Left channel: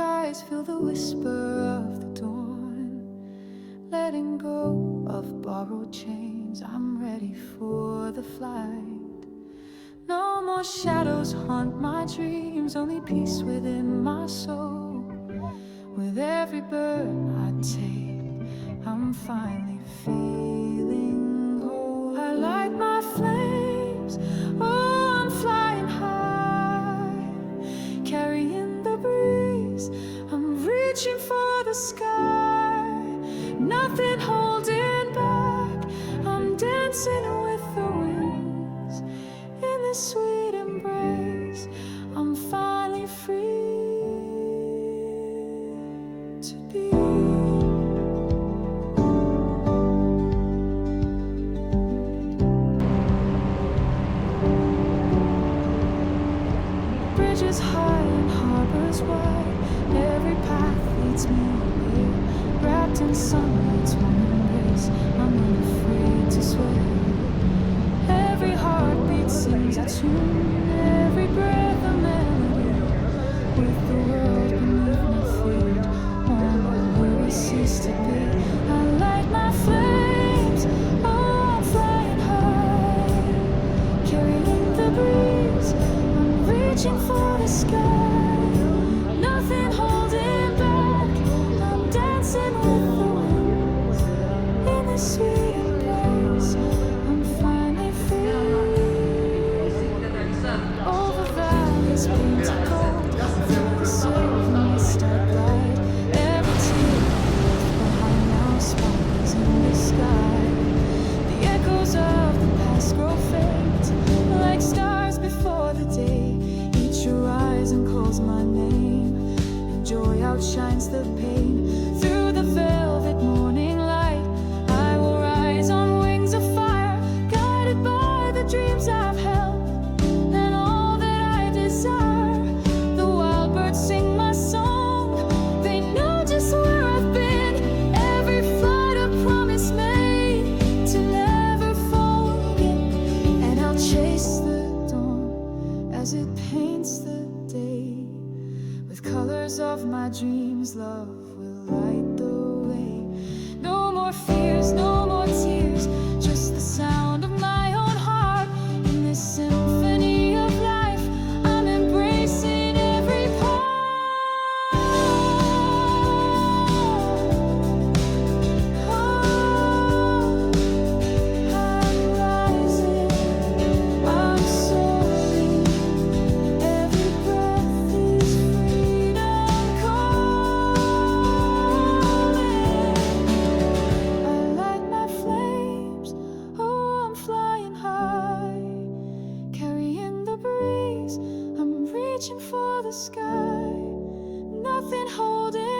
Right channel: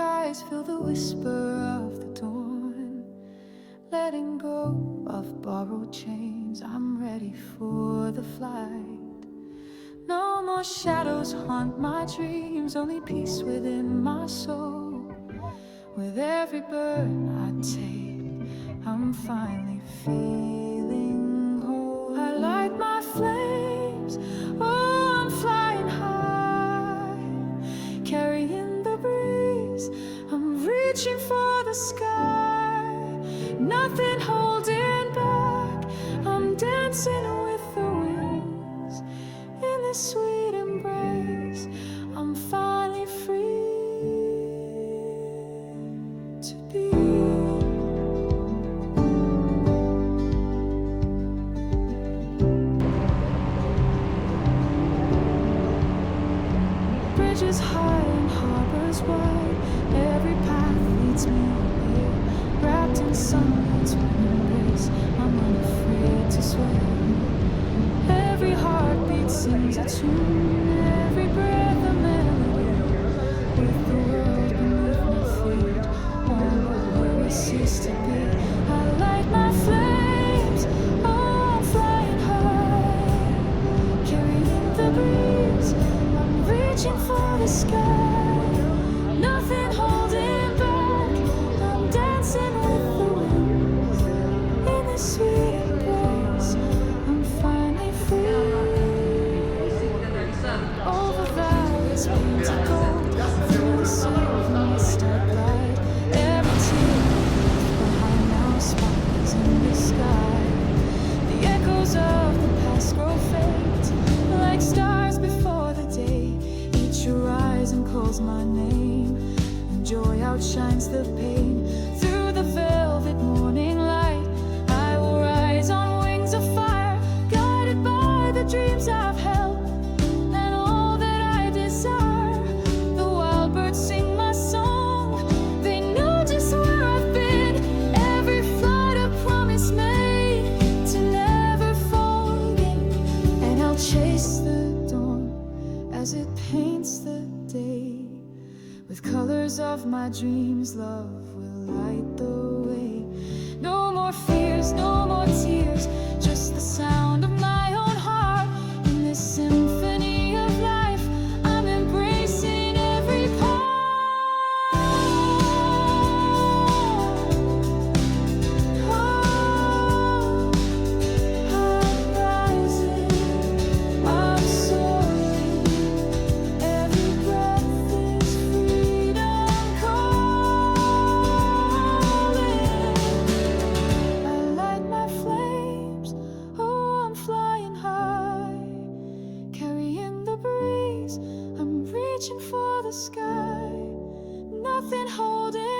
skies feel the whisper of the dawn. Letting go of borrowed chains, I'm ready for the flight. No more shadows haunt my dreams, only peace within my soul. With every burn I take, I'm finally feeling whole. I light my flames, oh, I'm flying high, carrying the breeze, I'm reaching for the sky. Nothing holding back, I'm dancing with the winds. In this sweet embrace, I'm finally free to be. Bridges high and harbors wide, every path leads me here. Wrapped in sunlight's warm embrace, I'm unafraid to sway. Every heartbeat sings a tune, every breath a melody. With the world beneath my feet, all my worries cease to be. I light my flames, oh, I'm flying high, carrying the breeze, I'm reaching for the sky. Nothing holding back, I'm dancing with the winds. In this sweet embrace, I'm finally free. Over valleys painted gold, through the silver mist I glide. Every tear left behind now sparkles in the sky. The echoes of the past grow faint, like stars before the day. Each horizon calls my name, and joy outshines the pain. Through the velvet morning light, I will rise on wings of fire, guided by the dreams I've held and all that I desire. The wild birds sing my song, they know just where I've been. Every flight a promise made to never fall again. And I'll chase the dawn as it paints the day. With colors of my dreams, love will light the way. No more fears, no more tears, just the sound of my own heart. In this symphony of life, I'm embracing every part. Oh, I'm rising, I'm soaring. Every breath is freedom calling. I light my flames, oh, I'm flying high, carrying the breeze, I'm reaching for the sky. Nothing holding